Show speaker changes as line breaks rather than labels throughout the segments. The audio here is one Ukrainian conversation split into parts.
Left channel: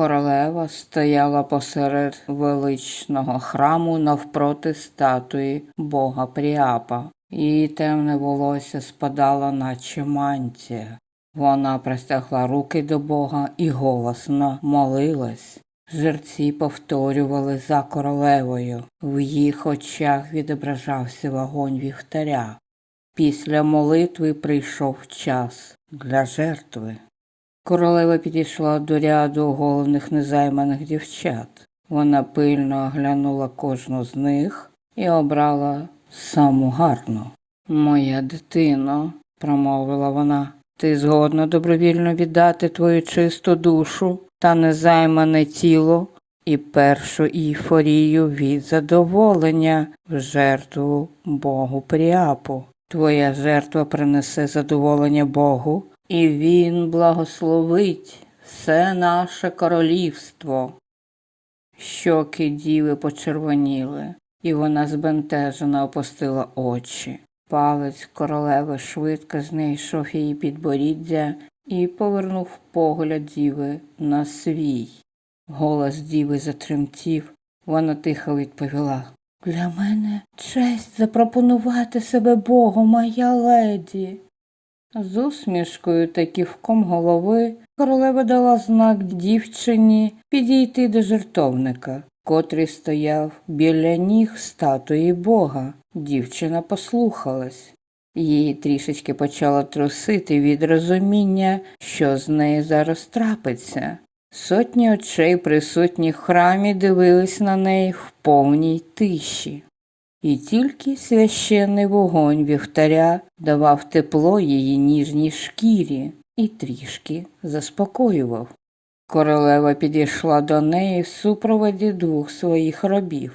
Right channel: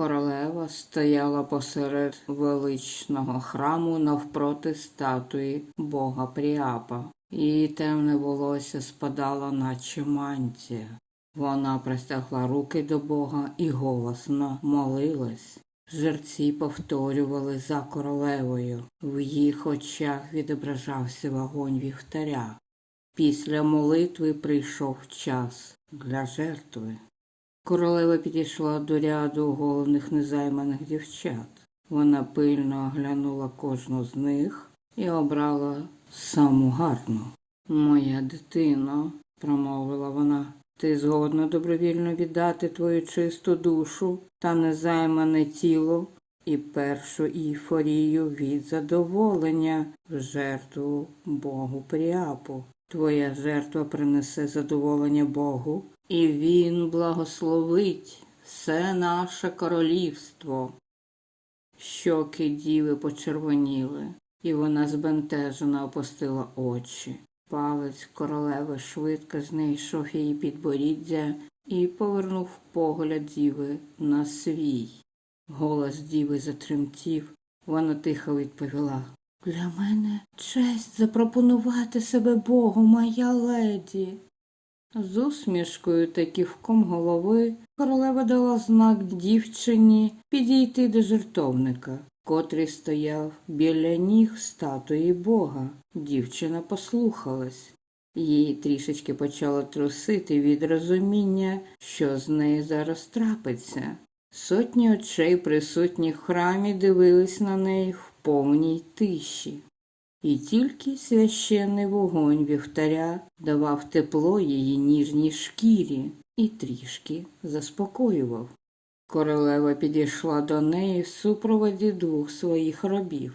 Королева стояла посеред величного храму навпроти статуї бога Пріапа. Її темне волосся спадало, наче мантія. Вона простягла руки до Бога і голосно молилась. Жерці повторювали за королевою. В їх очах відображався вогонь вівтаря. Після молитви прийшов час для жертви. Королева підійшла до ряду оголених незайманих дівчат. Вона пильно оглянула кожну з них і обрала саму гарну. Моя дитино, промовила вона, ти згодна добровільно віддати твою чисту душу та незаймане тіло і першу ейфорію від задоволення в жертву Богу Пріапу. Твоя жертва принесе задоволення Богу, і Він благословить все наше королівство. Щоки діви почервоніли, і вона збентежено опустила очі. Палець королеви швидко знайшов її підборіддя і повернув погляд діви на свій. Голос діви затремтів. Вона тихо відповіла Для мене честь запропонувати себе Богу, моя леді. З усмішкою та ківком голови королева дала знак дівчині підійти до жертовника, котрий стояв біля ніг статуї Бога. Дівчина послухалась. Її трішечки почало трусити від розуміння, що з нею зараз трапиться. Сотні очей, присутніх в храмі, дивились на неї в повній тиші. І тільки священний вогонь вівтаря давав тепло її ніжній шкірі і трішки заспокоював. Королева підійшла до неї в супроводі двох своїх рабів.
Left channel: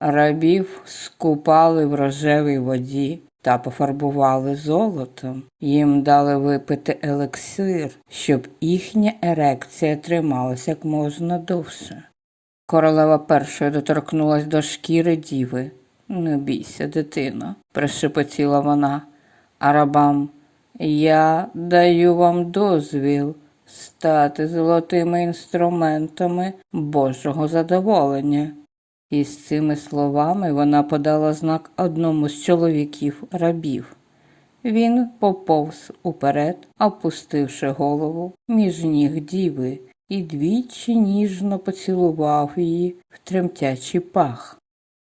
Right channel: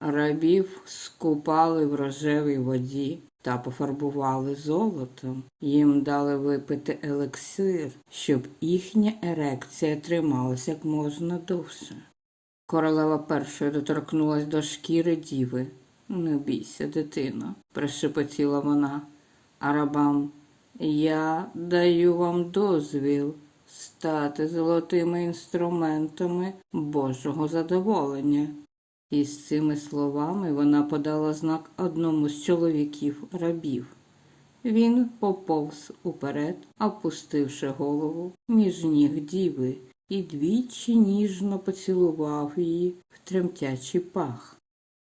Рабів скупали в рожевій воді та пофарбували золотом. Їм дали випити елексир, щоб їхня ерекція трималася як можна довше. Королева першою доторкнулась до шкіри діви. Не бійся, дитино, прошепотіла вона, а рабам я даю вам дозвіл стати золотими інструментами Божого задоволення. І з цими словами вона подала знак одному з чоловіків рабів. Він поповз уперед, опустивши голову між ніг діви, і двічі ніжно поцілував її в тремтячий пах.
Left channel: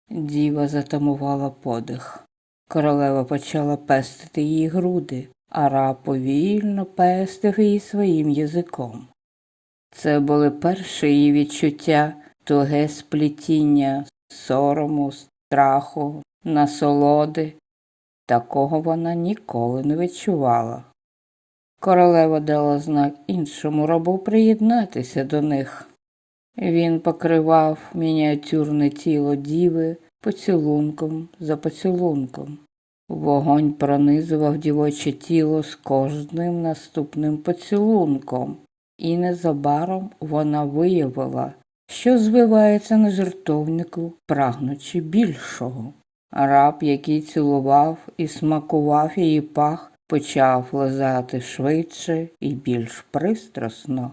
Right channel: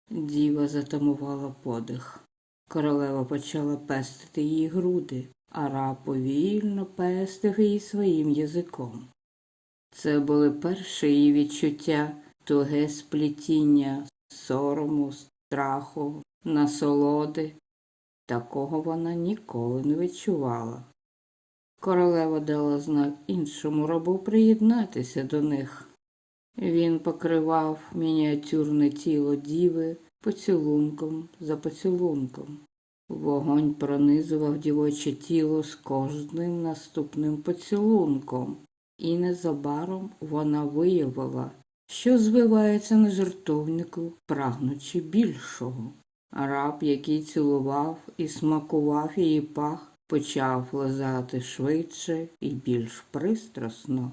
Діва затамувала подих. Королева почала пестити її груди, а раб повільно пестив її своїм язиком. Це були перші її відчуття, туге сплетіння сорому, страху, насолоди. Такого вона ніколи не відчувала. Королева дала знак іншому рабу приєднатися до них. Він покривав мініатюрне тіло діви поцілунком за поцілунком. Вогонь пронизував дівоче тіло з кожним наступним поцілунком, і незабаром вона виявила, що звивається на жертовнику, прагнучи більшого. Раб, який цілував і смакував її пах, почав лизати швидше і більш пристрасно.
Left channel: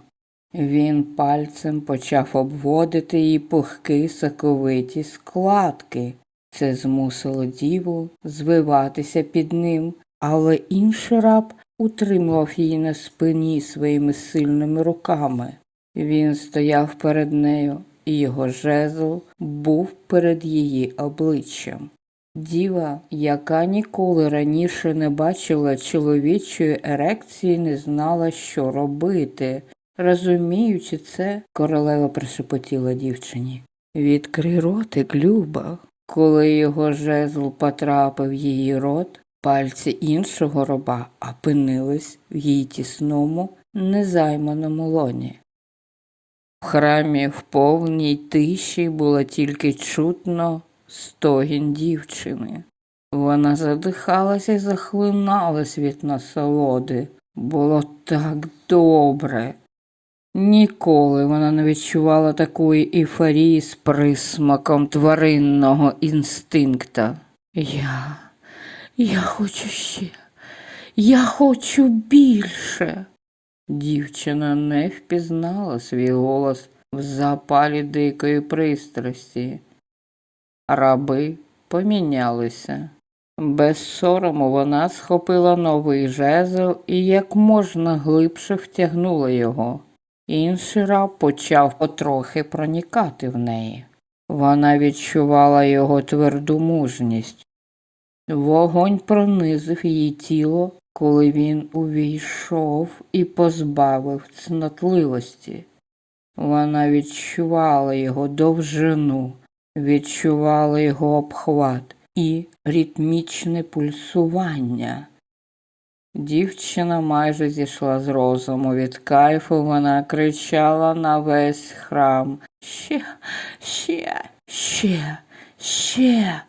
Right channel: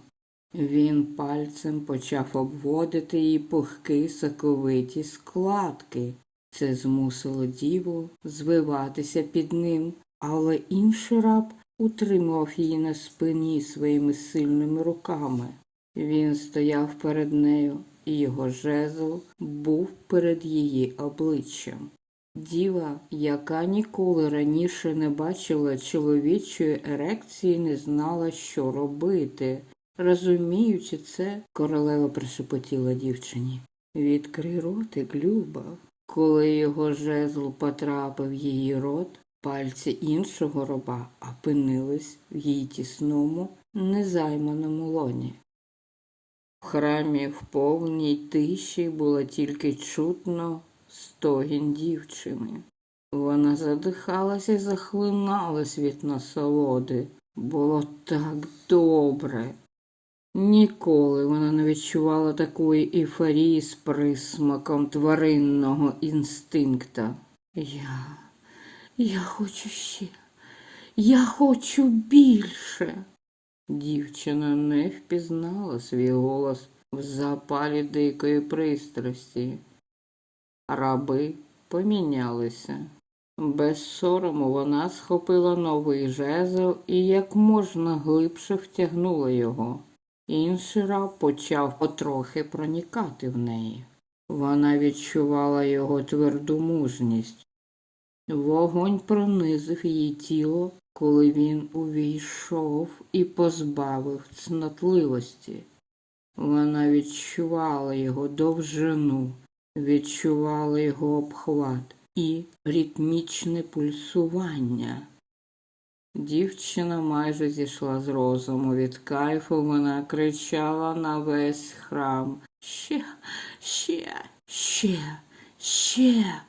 Він пальцем почав обводити її пухкі соковиті складки. Це змусило діву звиватися під ним, але інший раб утримував її на спині своїми сильними руками. Він стояв перед нею, і його жезл був перед її обличчям. Діва, яка ніколи раніше не бачила чоловічої ерекції, не знала, що робити. Розуміючи це, королева прошепотіла дівчині. Відкрий ротик, Люба. Коли його жезл потрапив її рот, пальці іншого роба опинились в її тісному, незайманому лоні. В храмі в повній тиші було тільки чутно стогін дівчини. Вона задихалася і захлиналась від насолоди. Було так добре. Ніколи вона не відчувала такої ейфорії з присмаком тваринного інстинкта. Я, я хочу ще, я хочу більше. Дівчина не впізнала свій голос в запалі дикої пристрасті. Раби помінялися. Без сорому вона схопила новий жезл і як можна глибше втягнула його. Інший раб почав потрохи проникати в неї. Вона відчувала його тверду мужність. Вогонь пронизив її тіло, коли він увійшов і позбавив цнотливості. Вона відчувала його довжину, відчувала його обхват і ритмічне пульсування. Дівчина майже зійшла з розуму від кайфу, вона кричала на весь храм Ще, ще, ще, ще.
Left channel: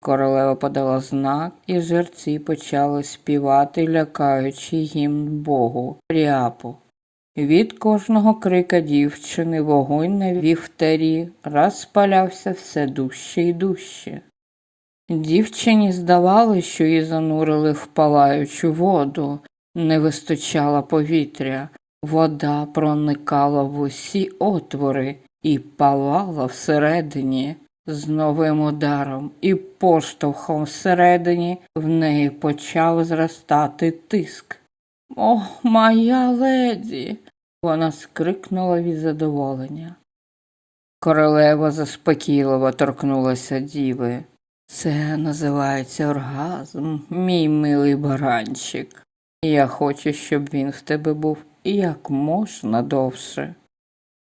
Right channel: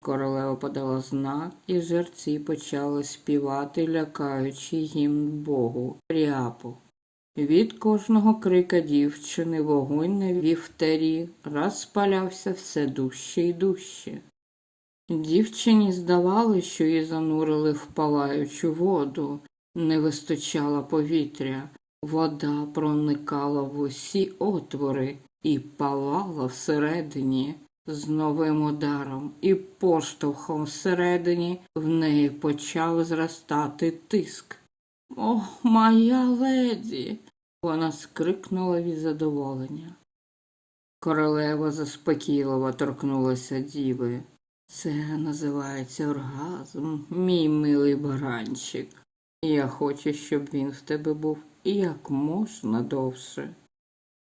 Королева подала знак, і жерці почали співати, лякаючи гімн Богу Пріапу. Від кожного крика дівчини вогонь на вівтарі розпалявся все дужче і дужче. Дівчині здавалося, що її занурили в палаючу воду, не вистачало повітря, вода проникала в усі отвори і палала всередині. З новим ударом і поштовхом всередині в неї почав зростати тиск. О, моя леді. Вона скрикнула від задоволення. Королева заспокійливо торкнулася діви. Це називається оргазм, мій милий баранчик. Я хочу, щоб він в тебе був як можна довше.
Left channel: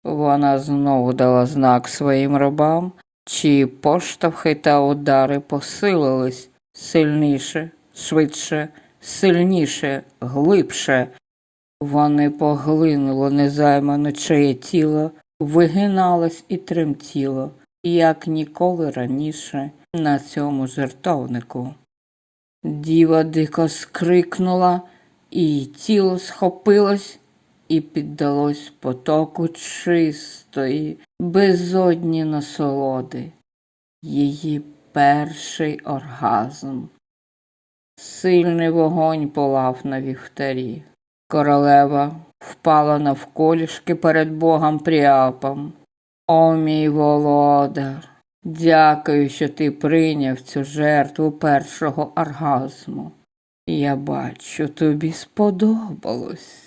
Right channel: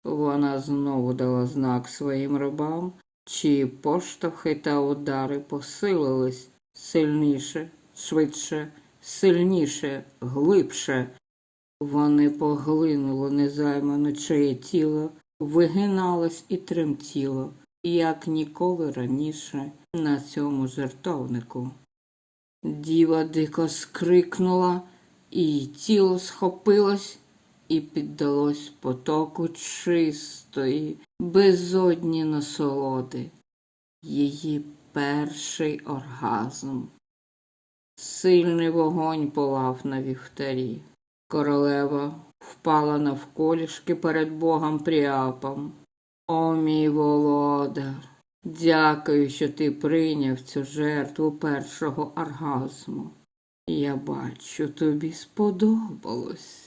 Вона знову дала знак своїм рабам, чиї поштовхи та удари посилились сильніше, швидше, сильніше, глибше. Вони поглинуло незаймане чиє тіло, вигиналось і тремтіло, як ніколи раніше на цьому жертовнику. Діва дико скрикнула, і її тіло схопилось і піддалось потоку чистої, безодні насолоди, її перший оргазм. Сильний вогонь палав на вівтарі. Королева впала навколішки перед богом Пріапом. О, мій володар, дякую, що ти прийняв цю жертву першого оргазму. Я бачу, тобі сподобалось.